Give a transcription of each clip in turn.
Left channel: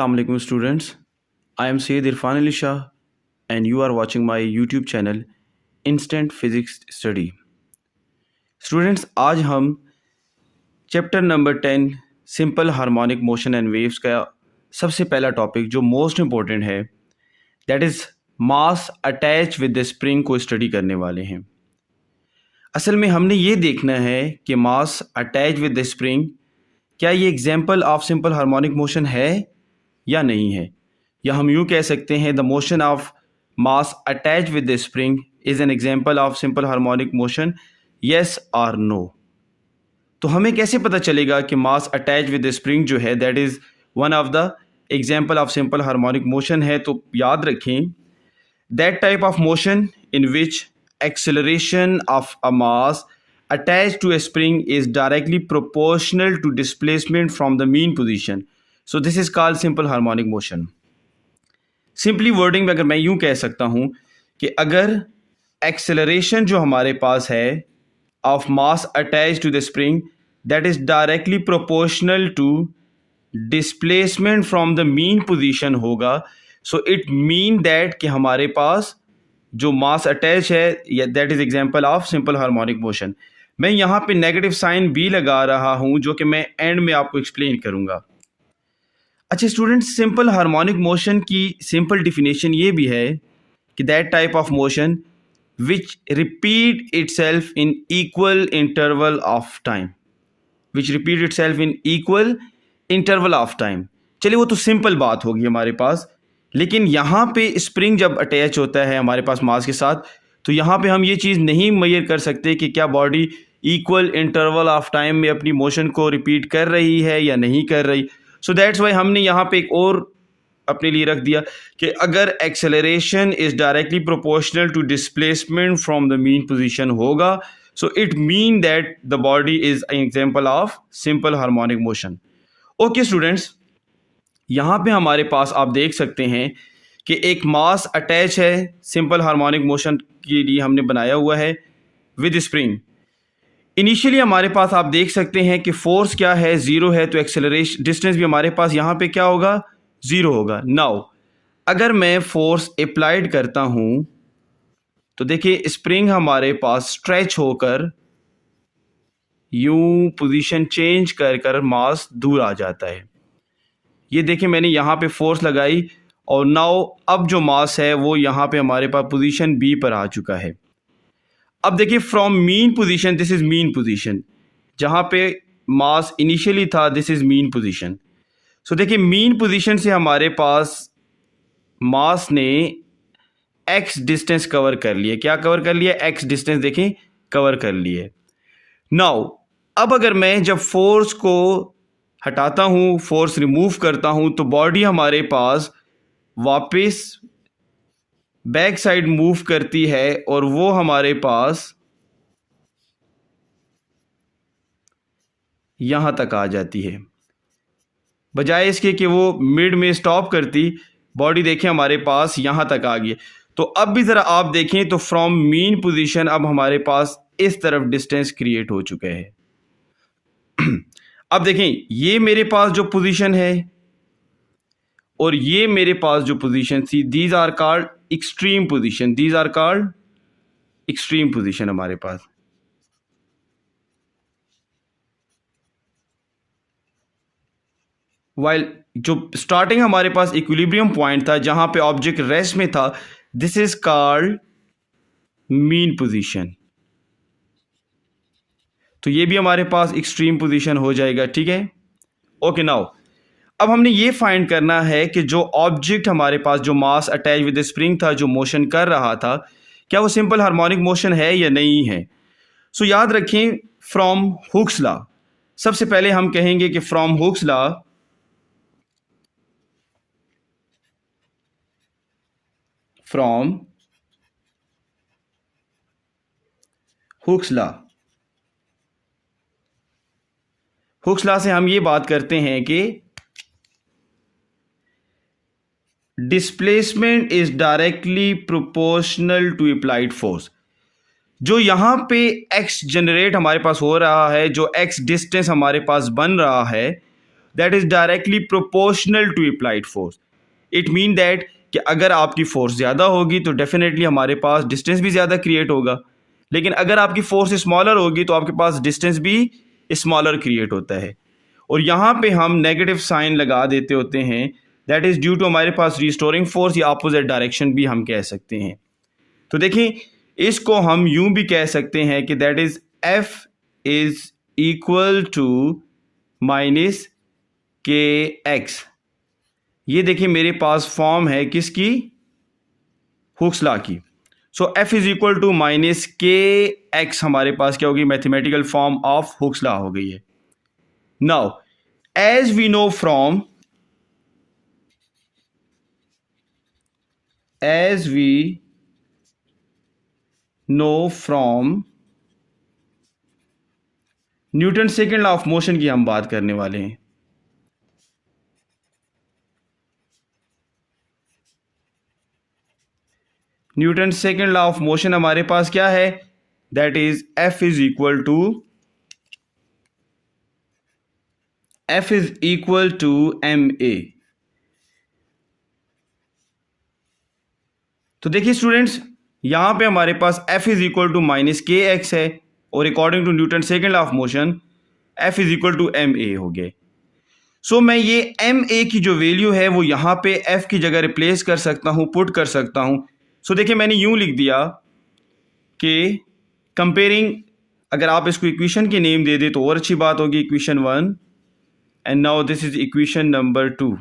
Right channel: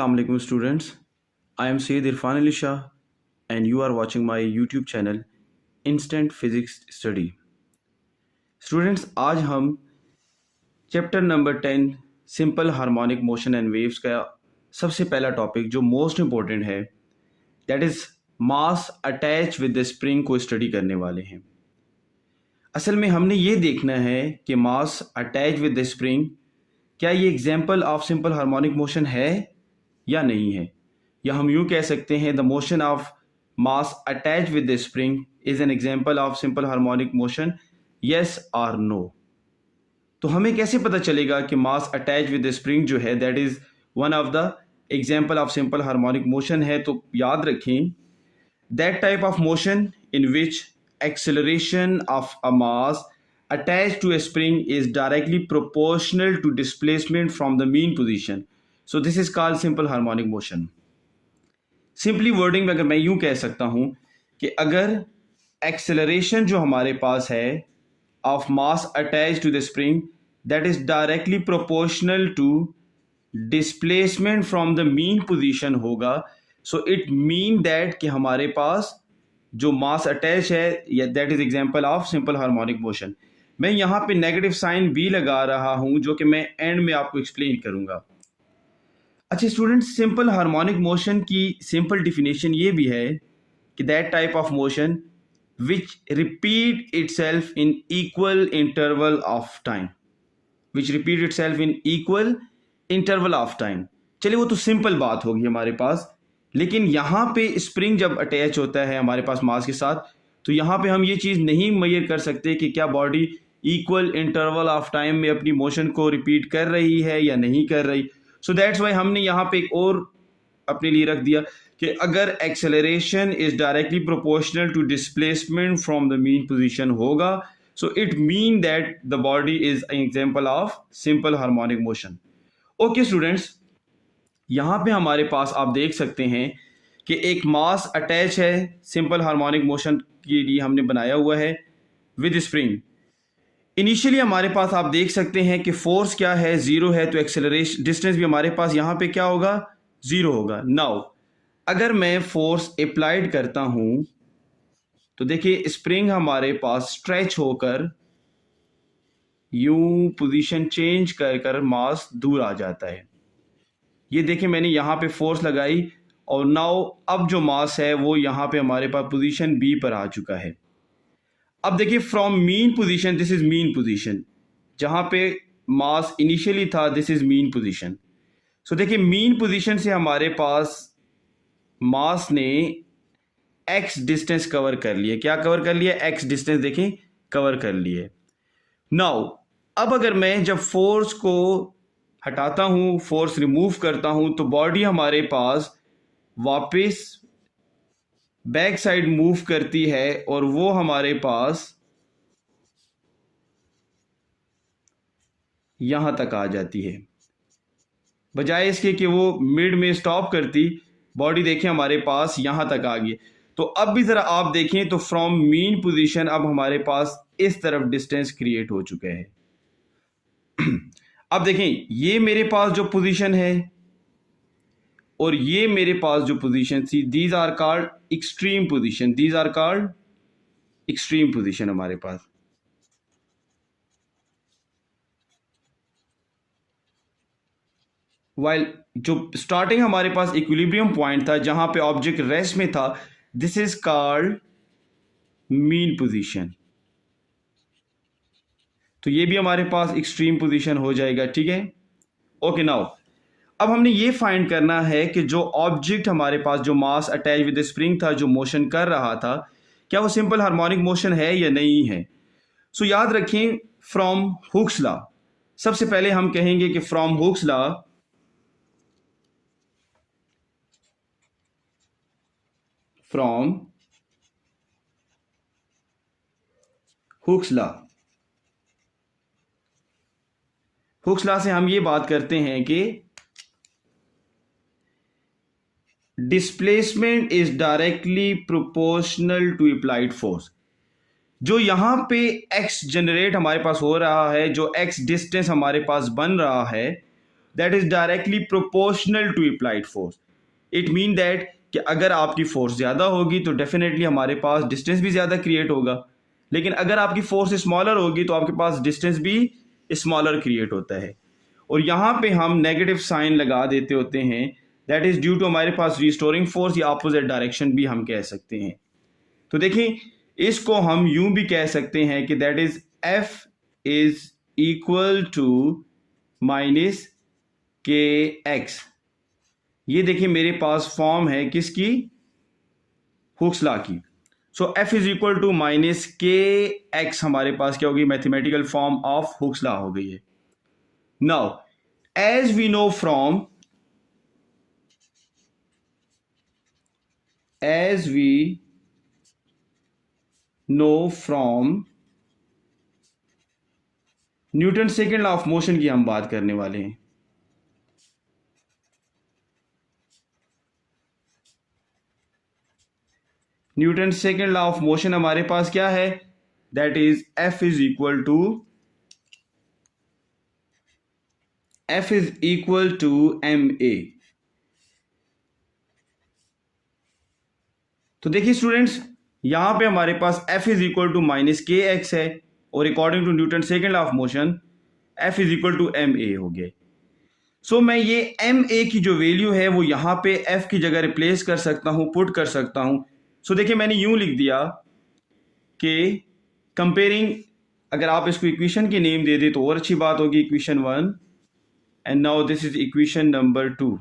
Assalamu alaikum students. I am Syed Irfan Ali Shah and you are watching my YouTube channel Instant Physics Study. Students, आज हम chapter number 10 simple harmonic motion and waves का सबसे पहला topic जो most important है that is mass attach with the spring को study करने वाले हैं। असल में हमने ये देखना है कि मास अटैच विद द स्प्रिंग क्या ये example of simple harmonic motion है या नहीं है, या हम यूँ कह सकते हैं the motion of mass attach with the spring is an example of simple harmonic motion, yes और नो। तो हमें कैसे पता चलेगा कि मास अटैच विद द स्प्रिंग जो है that is one of the example of simple harmonic motion है। तो याद रखें that type of motion in which acceleration of a mass attached to a spring is directly proportional to displacement from the mean position. So this is called simple harmonic motion. Simply wording में अगर मैं यूँ कह सकता हूँ कि अगर acceleration जो हमारे पास है of mass attached to the spring that is directly proportional to displacement from the mean position होगा, so it mean that कि हमारे पास जो मास अटैच है that is example of simple harmonic motion. मैं यहाँ पे नेगेटिव साइन भी लगा रहा हूँ जो कि मैं एंड में आपको एक्सप्लेन करूँगा। अच्छा स्टूडेंट्स, सिंपल हार्मोनिक मोशन की सिंपल डिफिनेशन ये भी है कि that type of motion which repeat itself in equal interval of time, which repeat itself in equal interval of time. चलिए वो तो सिंपल बात होगी हमारे पास, लेकिन यहाँ पे स्प्रिंग जब अटैच होता है हमारे पास मास के साथ तो यहाँ पे हम ये चीज़ नहीं मेजर कर सकते कि क्या body equal interval of time में अपनी मोशन को रिपीट कर रही है या नहीं कर रही। सो दैट्स वाई हमने यहाँ पे एक और अपने लिए रख दिया कि अगर acceleration is directly proportional to displacement from the mean position होगा, so it mean that the body is an example of simple harmonic motion. Okay students, यहाँ पे हमारे पास आप देख सकते हैं कि एक मास अटैच है सिंपल हार्मोनिक मोशन के लिए हमने बनाया हुआ है विद स्प्रिंग। इनिशियली हमारे पास आप देख सकते हैं कि फोर्स क्या है, ज़ीरो है, तो एक्सेलरेशन डिस्टेंस भी हमारे पास यहाँ पे क्या होगा, ज़ीरो होगा। नाउ अगर मैं फोर्स अप्लाइड करता हूँ तो देखिए स्प्रिंग हमारे पास स्ट्रेच होकर यूं पोजीशन चेंज कर कर मास दूर आ जाता है। ये देखिए मैंने यहाँ पे फोर्स लगाई और नाउ अब जो मास है वो यहाँ पे हमारे पास पोजीशन बी पर आ चुका है। अब देखिए from mean position, this is mean position, जहाँ पे मास इनिशियली था दिस इज़ मीन पोजीशन। सो देखिए मीन पोजीशन से हमारे पास मास ने एक्स डिस्टेंस कवर कर लिया। क्या कवर कर लिया? एक्स डिस्टेंस देखें कवर कर लिए। नाउ अब अगर मैं जब फोर्स को हटाता हूँ, फोर्स रिमूव करता हूँ, तो बॉडी हमारे पास वापस बैक साइड मूव करती है और वो हमारे पास यहाँ तक आ जाती है। बजाय इसके कि वो मिड में स्टॉप करती, बॉडी देखें हमारे पास यहाँ तक आ गई। तो अब भी ज़रा आप देखें तो फ्रॉम मीन पोजीशन अब हमारे पास इस तरफ डिस्टेंस क्रिएट हो चुका है। अब देखें ये मेरे पास जो पोजीशन है और ये मेरे पास जो पोजीशन थी, these are called extreme position, these are called extreme position हमारे पास। वाइल जो स्टार्टिंग हमारे पास इक्विलिब्रियम पॉइंट था जहां पे ऑब्जेक्ट रेस्ट में था, this is called mean position. तो ये भी हमारे पास एक्सट्रीम पोजीशन हो जाएगा, ठीक है। ओके नाउ अब हमने ये फाइंड करना है कि जो ऑब्जेक्ट हमारे पास जो मास अटैच विद स्प्रिंग था, जो मोशन कर रहा था, क्या वो सिंपल हार्मोनिक मोशन है या नहीं है। सो याद रखें फ्रॉम हुक्स लॉ, सबसे पहले हम कहेंगे कि from Hooke's law Hooke's law से हम ये बात करते हैं कि displacement is directly proportional to applied force. जो यहाँ पे एक्स जनरेट हमारे पास हो रहा है, जो एक्स डिस्टेंस हमारे पास बन रहा है, that is directly proportional to applied force. It mean that कि अगर आपकी फोर्स ज़्यादा होगी तो डेफिनेटली हमारे पास डिस्टेंस भी ज़्यादा क्रिएट होगा, लेकिन अगर आपकी फोर्स स्मॉलर होगी तो आपके पास डिस्टेंस भी स्मॉलर क्रिएट होता है। और यहाँ पे हम नेगेटिव साइन लगा देते होते हैं, दैट इज़ ड्यू टू हमारे पास रिस्टोरिंग फोर्स या अपोजिट डायरेक्शन भी हम कह सकते हैं। तो देखिए इसको हम यूं भी कह सकते हैं कि that is F is equal to minus k x. ये देखिए मेरे पास फॉर्म है किसकी, हुक्स लॉ की। So F is equal to minus k x हमारे पास क्या होगी, mathematical form of Hooke's law हो गई है। Now as we know from Newton second law of motion की हम बात करने वाले हैं। Newton second law of motion हमारे पास क्या है, that is F is equal to ma। तो देखिए स्टूडेंट्स यहां पे हमारे पास F is equal to minus k x है, और according to Newton second law of motion F is equal to ma हो गए। सो मैं ये ma की जो वैल्यू है वो यहां पे F की जगह रिप्लेस कर सकता हूं, पुट कर सकता हूं। सो देखिए मैंने यूं लिख दिया कि कंपेयरिंग, अगर आप इसको इक्वेशन के नेम दे दे तो और अच्छी बात होगी, equation 1 and now this is equation number 2।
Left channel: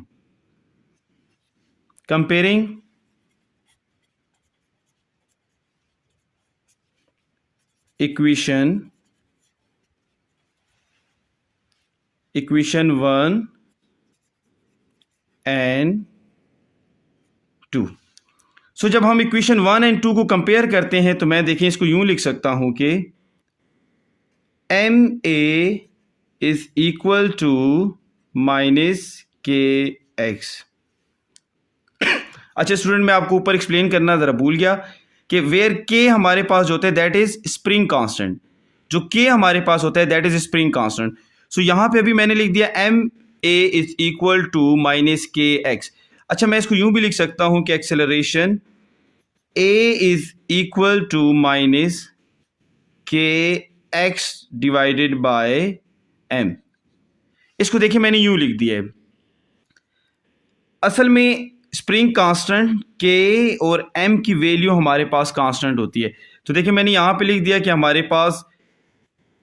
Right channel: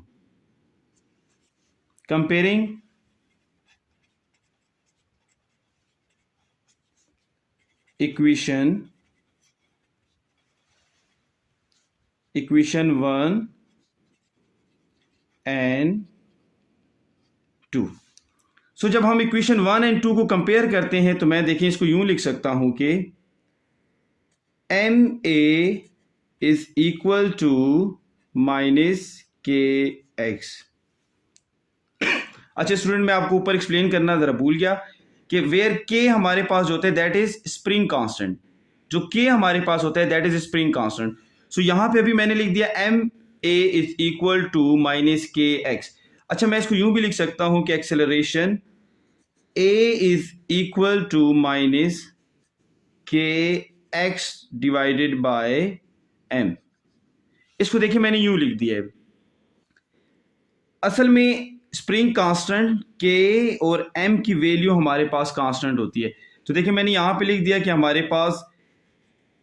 Comparing equation 1 and 2। सो जब हम इक्वेशन 1 एंड 2 को कंपेयर करते हैं तो मैं देखिए इसको यूं लिख सकता हूं कि ma is equal to minus k x. अच्छा स्टूडेंट मैं आपको ऊपर एक्सप्लेन करना जरा भूल गया कि वेयर के हमारे पास जो होता है दैट इज स्प्रिंग कांस्टेंट, जो के हमारे पास होता है that is spring constant. So यहां पे अभी मैंने लिख दिया ma is equal to minus k x. अच्छा मैं इसको यूं भी लिख सकता हूं कि acceleration a is equal to minus k x divided by m। इसको देखिए मैंने यूं लिख दिया है। असल में स्प्रिंग कांस्टेंट के और m की वैल्यू हमारे पास कांस्टेंट होती है। तो देखिए मैंने यहां पे लिख दिया कि हमारे पास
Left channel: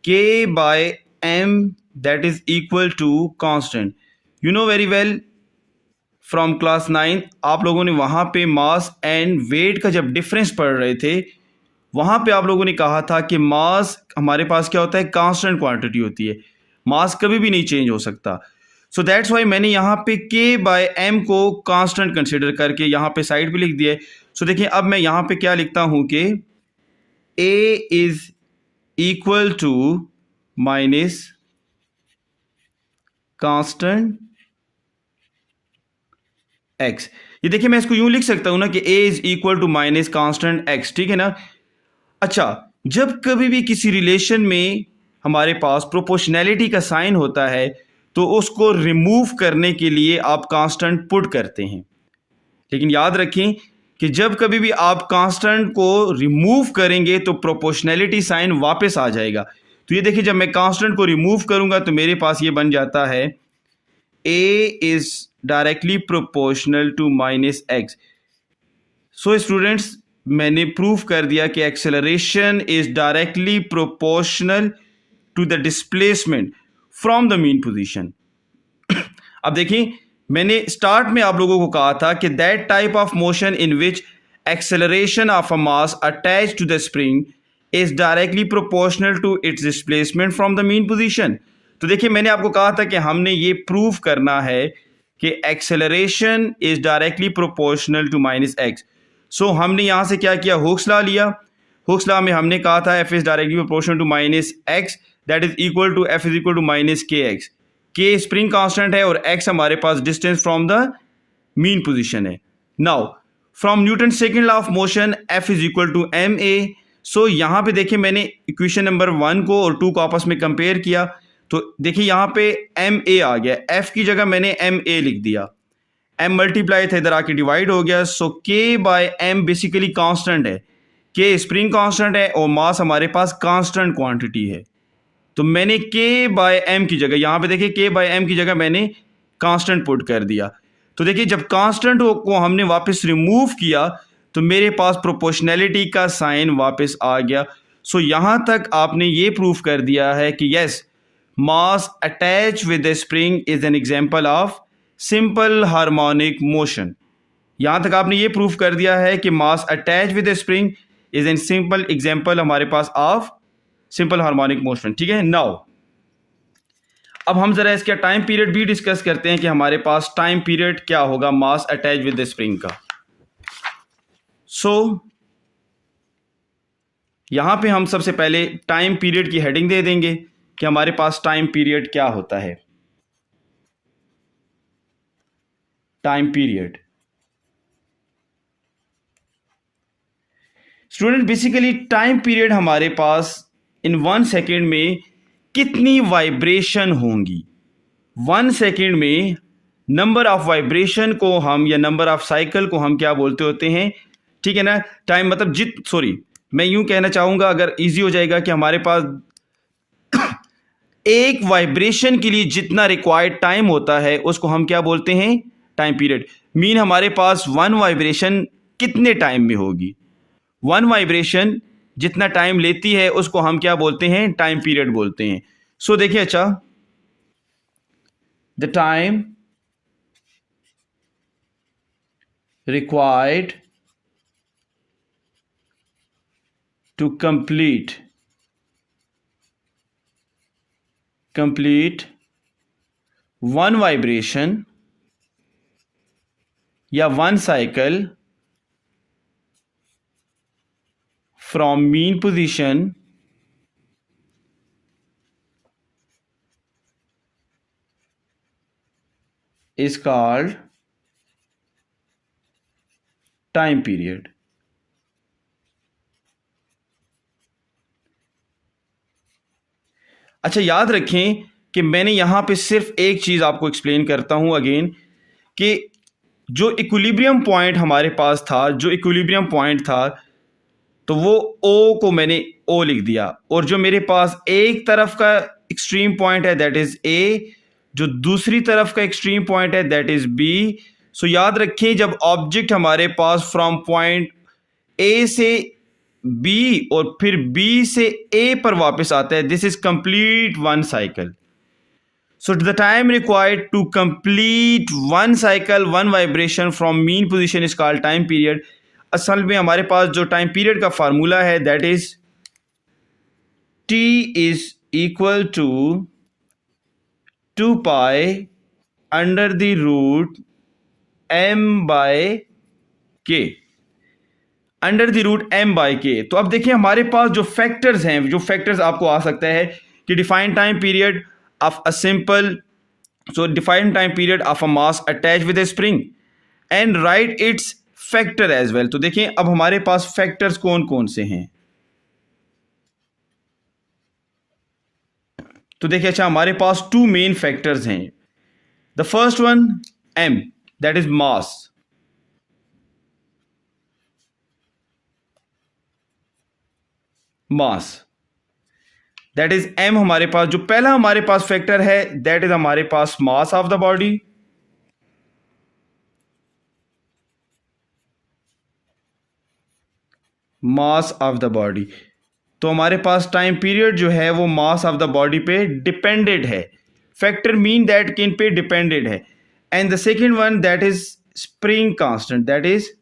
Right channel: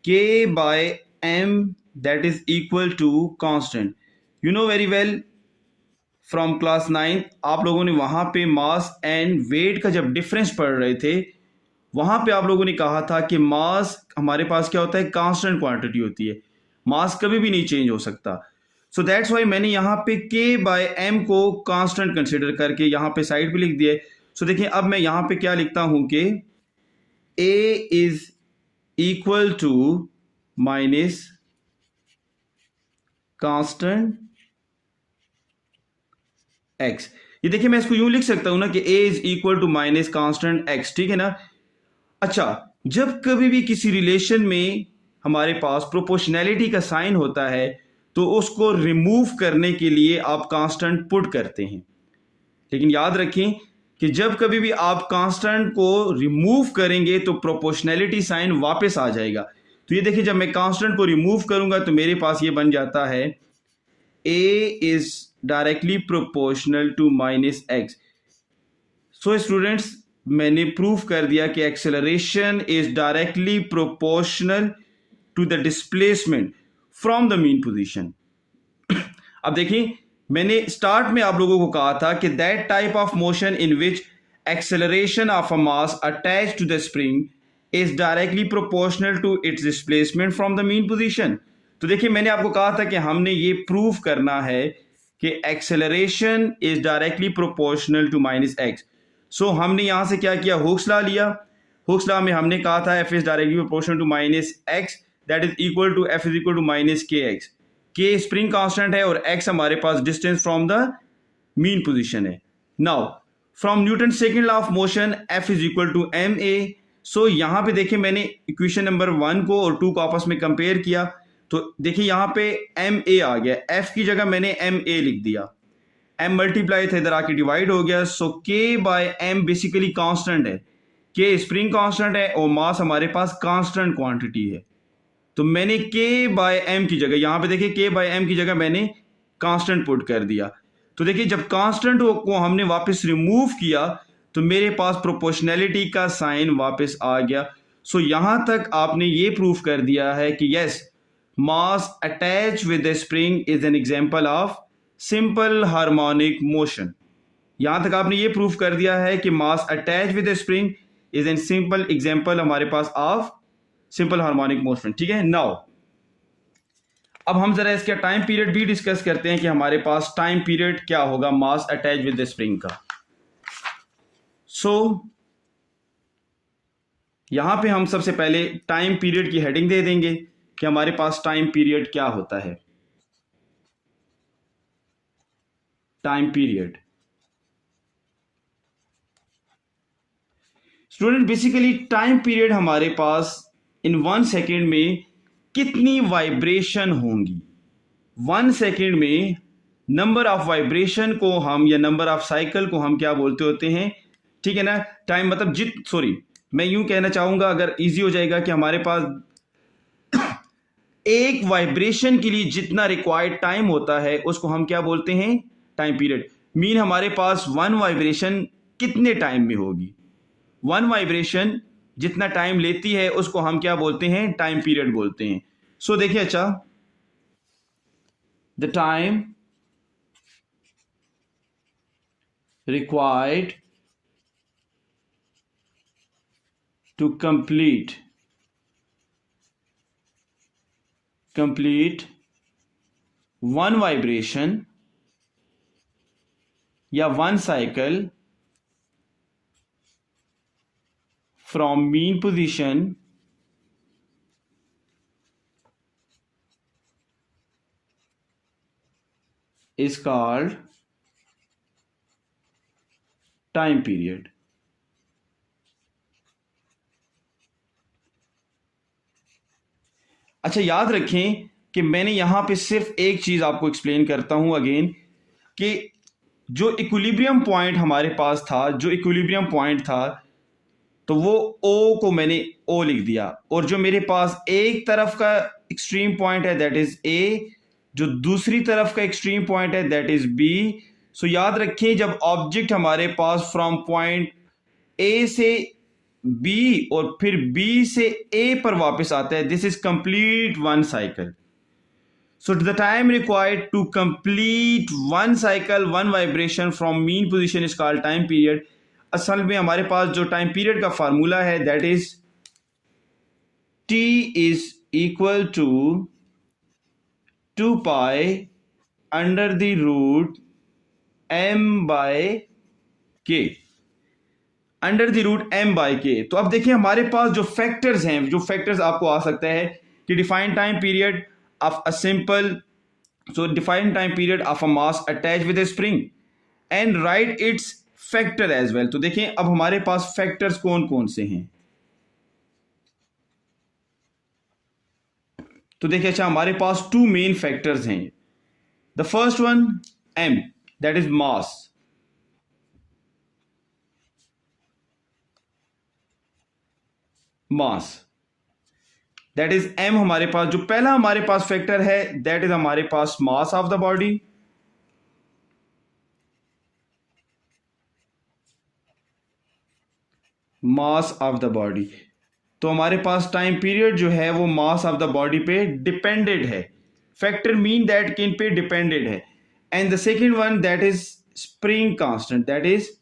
k by m that is equal to constant. You know very well from class 9 आप लोगों ने वहां पे मास एंड वेट का जब डिफरेंस पढ़ रहे थे, वहां पे आप लोगों ने कहा था कि मास हमारे पास क्या होता है, कांस्टेंट क्वांटिटी होती है, मास कभी भी नहीं चेंज हो सकता। सो दैट्स वाई मैंने यहाँ पे k बाय m को कांस्टेंट कंसिडर करके यहाँ पे साइड पे लिख दिया है। सो देखिए अब मैं यहाँ पे क्या लिखता हूँ कि a is equal to minus constant x। ये देखिए मैं इसको यूं लिख सकता हूं ना कि a is equal to minus constant x, ठीक है ना। अच्छा जब कभी भी किसी रिलेशन में हमारे पास प्रोपोर्शनैलिटी का साइन होता है तो उसको रिमूव करने के लिए आप कांस्टेंट पुट करते हैं, लेकिन याद रखें कि जब कभी भी आप कांस्टेंट को रिमूव करेंगे तो प्रोपोर्शनैलिटी साइन वापस आ जाएगा। तो ये देखिए जब मैं कांस्टेंट को रिमूव करूंगा तो मेरे पास ये बन जाता है a is directly proportional to minus x. So students मैंने प्रूव कर दिया कि acceleration is directly proportional to the displacement from the mean position. अब देखिए मैंने स्टार्ट में आप लोगों को कहा था कि that type of motion in which acceleration of a mass attach to the spring is directly proportional to its displacement from the mean position. तो देखिए मैंने आपको कहा था कि हमने ये प्रूव करना है कि acceleration is directly proportional to minus x. सो हमने यहां से क्या किया, Hooke's law. Hooke's law हमने कहा था f is directly proportional to minus x that is equal to f is equal to minus k x. K spring constant है और x हमारे पास distance from the mean position है। Now from Newton second law of motion f is equal to ma। सो यहां पे देखिए मैंने equation number 1 को और 2 को आपस में कंपेयर किया तो देखिए यहाँ पे एम ए आ गया, एफ की जगह मैंने एम ए लिख दिया, एम मल्टीप्लाई था इधर आके डिवाइड हो गया। सो के बाय एम बेसिकली कांस्टेंट है, के स्प्रिंग कांस्टेंट है और मास हमारे पास कांस्टेंट क्वांटिटी है। तो मैंने के बाय एम की जगह, यहाँ पे देखिए के बाय एम की जगह मैंने कांस्टेंट पुट कर दिया। तो देखिए जब कांस्टेंट को हमने वापस रिमूव किया तो मेरे पास प्रोपोर्शनैलिटी का साइन वापस आ गया। सो यहां तक आपने ये प्रूफ कर दिया है कि yes, mass attach with the spring is an example of simple harmonic motion. यहां तक आपने ये प्रूफ कर दिया है कि मास attach with the spring is an simple example हमारे पास ऑफ सिंपल हार्मोनिक मोशन। ठीक है, नाउ अब हम जरा इसका टाइम पीरियड भी डिस्कस करते हैं कि हमारे पास टाइम पीरियड क्या होगा मास अटैच विद द स्प्रिंग का। सो यहां पे हम सबसे पहले टाइम पीरियड की हेडिंग दे देंगे कि हमारे पास टाइम पीरियड क्या होता है। Time period student, basically time period हमारे पास इन 1 सेकेंड में कितनी वाइब्रेशन होंगी। 1 सेकेंड में नंबर ऑफ वाइब्रेशन को हम या नंबर ऑफ साइकिल को हम क्या बोलते होते हैं। ठीक है ना, टाइम मतलब सॉरी मैं यूं कहना चाहूंगा, अगर इजी हो जाएगा, कि हमारे पास एक वाइब्रेशन के लिए जितना रिक्वायर्ड टाइम होता है उसको हम क्या बोलते हैं, टाइम पीरियड। मीन हमारे पास 1 वाइब्रेशन कितने टाइम में होगी, 1 वाइब्रेशन जितना टाइम लेती है उसको हम क्या बोलते हैं, टाइम पीरियड बोलते हैं। सो देखिए, अच्छा, the time required to complete one vibration या one cycle from mean position is called time period। अच्छा, याद रखें कि मैंने यहां पे सिर्फ एक चीज आपको एक्सप्लेन करता हूं अगेन, कि जो इक्विलिब्रियम पॉइंट हमारे पास था, जो इक्विलिब्रियम पॉइंट था, तो वो ओ को मैंने ओ लिख दिया, और जो मेरे पास एक तरफ का एक्सट्रीम पॉइंट है दैट इज ए, जो दूसरी तरफ का एक्सट्रीम पॉइंट है दैट इज बी। सो याद रखें, जब ऑब्जेक्ट हमारे पास फ्रॉम पॉइंट ए से बी और फिर बी से ए पर वापस आता है, this is complete 1 cycle. So the time required to complete 1 cycle 1 vibration from mean position is called time period. असल में हमारे पास जो टाइम पीरियड का फार्मूला है that is T is equal to 2 pi under the root m by k, under the root m by k. तो अब देखिए हमारे पास जो फैक्टर्स हैं, जो फैक्टर्स आपको आ सकता है कि define time period of a simple, so define time period of a mass attach with a spring and write its factor as well. तो देखिए अब हमारे पास फैक्टर्स कौन कौन से हैं। तो देखिए, अच्छा, हमारे पास 2 मेन फैक्टर्स हैं। The first one M, that is mass. Mass that is M, हमारे पास जो पहला हमारे पास फैक्टर है दैट इज हमारे पास mass of the body. Mass of the body, तो हमारे पास टाइम पीरियड जो है वो मास ऑफ द बॉडी पे डिपेंडेड है। फैक्टर मीन दैट किन पे डिपेंडेड है। And the second one that is spring constant, that is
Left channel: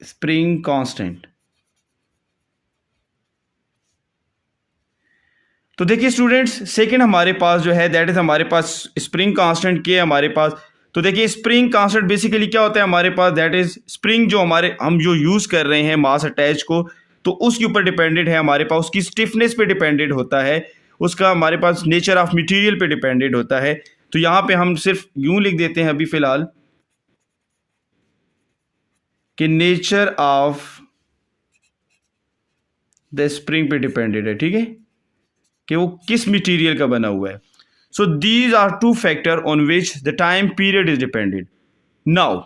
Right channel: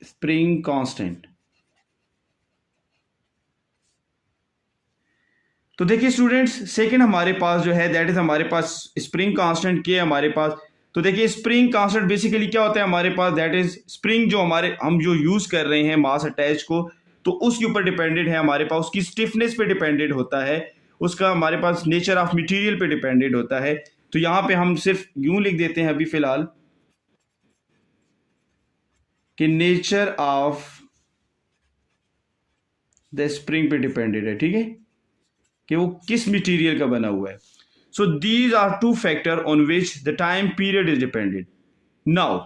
spring constant. तो देखिए स्टूडेंट्स, सेकंड हमारे पास जो है दैट इज हमारे पास स्प्रिंग कांस्टेंट के हमारे पास। तो देखिए स्प्रिंग कांस्टेंट बेसिकली क्या होता है हमारे पास, दैट इज स्प्रिंग जो हम जो यूज कर रहे हैं मास अटैच को, तो उसके ऊपर डिपेंडेड है हमारे पास, उसकी स्टिफनेस पे डिपेंडेड होता है, उसका हमारे पास नेचर ऑफ मटेरियल पे डिपेंडेड होता है। तो यहां पे हम सिर्फ यूं लिख देते हैं अभी फिलहाल कि नेचर ऑफ द स्प्रिंग पे डिपेंडेड है, ठीक है, कि वो किस मटेरियल का बना हुआ है. So these are two factor on which the time period is depended. Now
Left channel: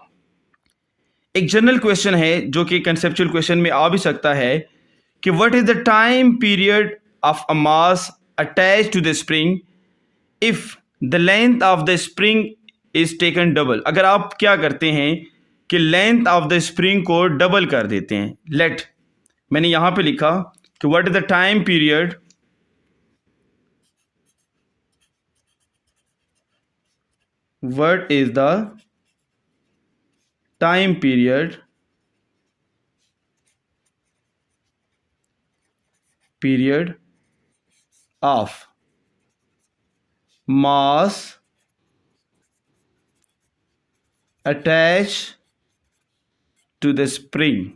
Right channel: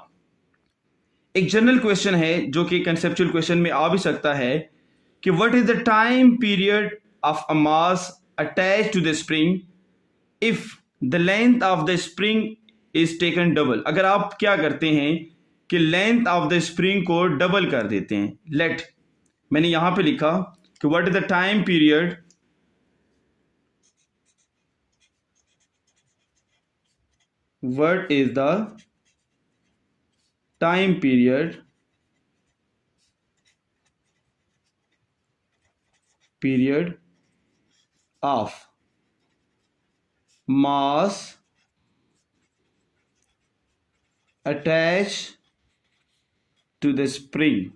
एक जनरल क्वेश्चन है जो कि कंसेप्चुअल क्वेश्चन में आ भी सकता है कि what is the time period of a mass attach to the spring if the length of the spring is taken double. अगर आप क्या करते हैं कि लेंथ ऑफ द स्प्रिंग को डबल कर देते हैं. लेट, मैंने यहां पे लिखा कि what is the time period what is the time period of mass attached to the spring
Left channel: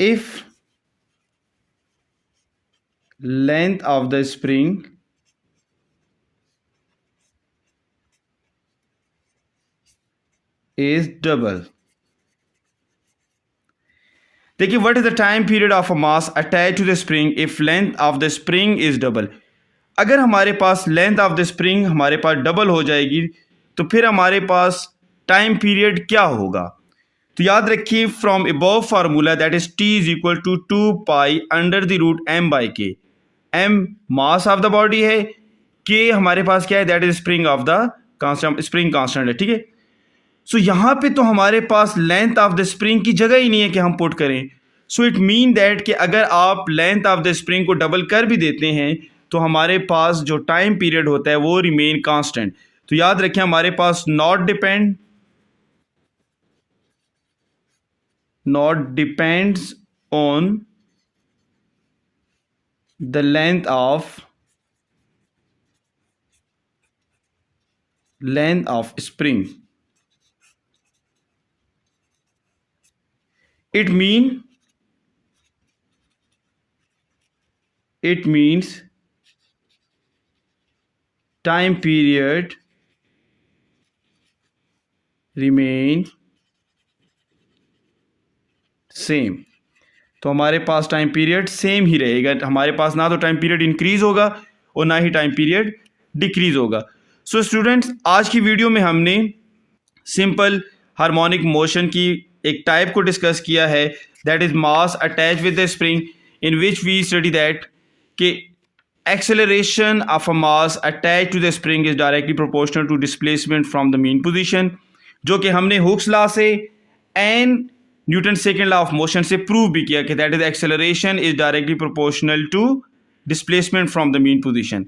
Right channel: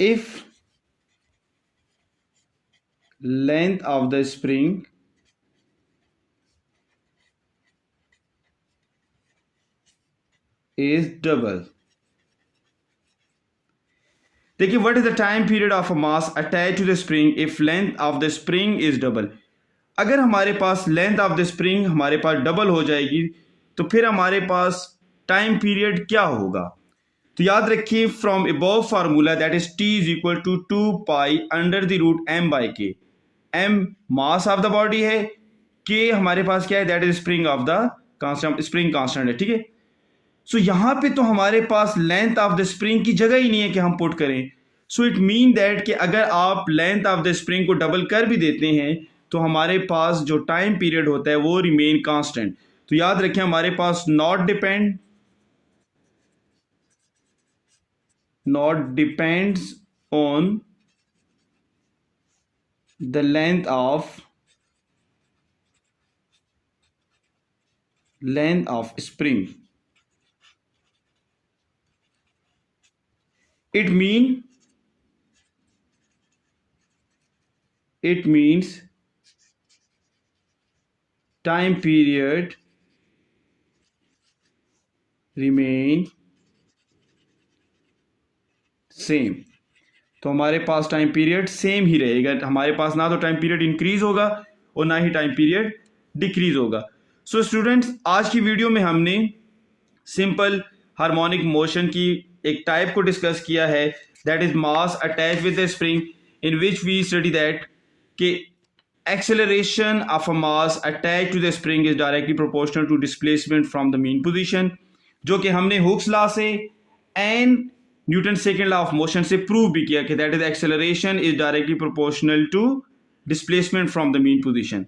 if length of the spring is double. देखिए, what is the time period of a mass attached to the spring if length of the spring is double. अगर हमारे पास length of the spring हमारे पास double हो जाएगी तो फिर हमारे पास टाइम पीरियड क्या होगा. तो याद रखिए, from above formula that is T is equal to 2 pi under the root M by K. M mass of the body है, के हमारे पास क्या है, that is spring of the constant, spring constant है, ठीक है. सो यहां पे तो हमारे पास लेंथ ऑफ द स्प्रिंग की जगह ही नहीं है कि हम पुट करें. सो इट मीन दैट कि अगर आप लेंथ ऑफ द स्प्रिंग को डबल कर भी देते हैं तो हमारे पास जो टाइम पीरियड होता है वो रिमेन कांस्टेंट. तो याद रखें, हमारे पास not depends on the length of spring. It means time period remain same. तो हमारे पास टाइम पीरियड सेम ही रहेगा. हमारे पास ना तो टाइम पीरियड इंक्रीज होगा और ना ही टाइम पीरियड डिक्रीज होगा. सो स्टूडेंट्स, आज की वीडियो में हमने सिंपल हार्मोनिक मोशन की एक टाइप को डिस्कस किया है, that is mass attach with the spring, in which we study that कि acceleration of a mass attach to the spring is directly proportional to displacement from the mean position, जो कि हमने Hooke's law से and Newton second law of motion से prove भी किया कि that is acceleration is directly proportional to displacement from the mean position.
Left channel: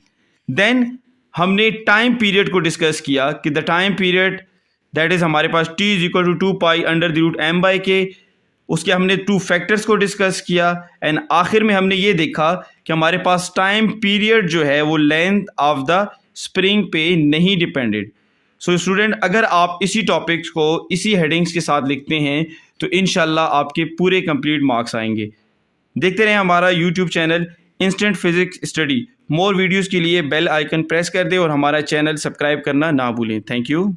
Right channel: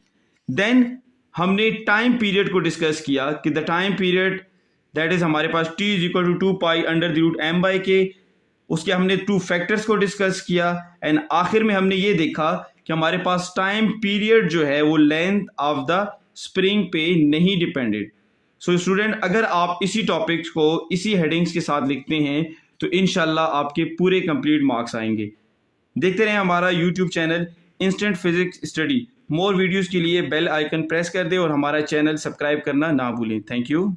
Then हमने time period को डिस्कस किया कि the time period that is हमारे पास t is equal to 2 pi under the root m by k. उसके हमने two factors को discuss किया एंड आखिर में हमने ये देखा कि हमारे पास टाइम पीरियड जो है वो लेंथ ऑफ द स्प्रिंग पे नहीं डिपेंडेड. सो स्टूडेंट, अगर आप इसी टॉपिक्स को इसी हेडिंग्स के साथ लिखते हैं तो इंशाल्लाह आपके पूरे कंप्लीट मार्क्स आएंगे. देखते रहें हमारा YouTube channel instant physics study. More videos के लिए बेल आइकन प्रेस कर दें और हमारा चैनल सब्सक्राइब करना ना भूलें. Thank you.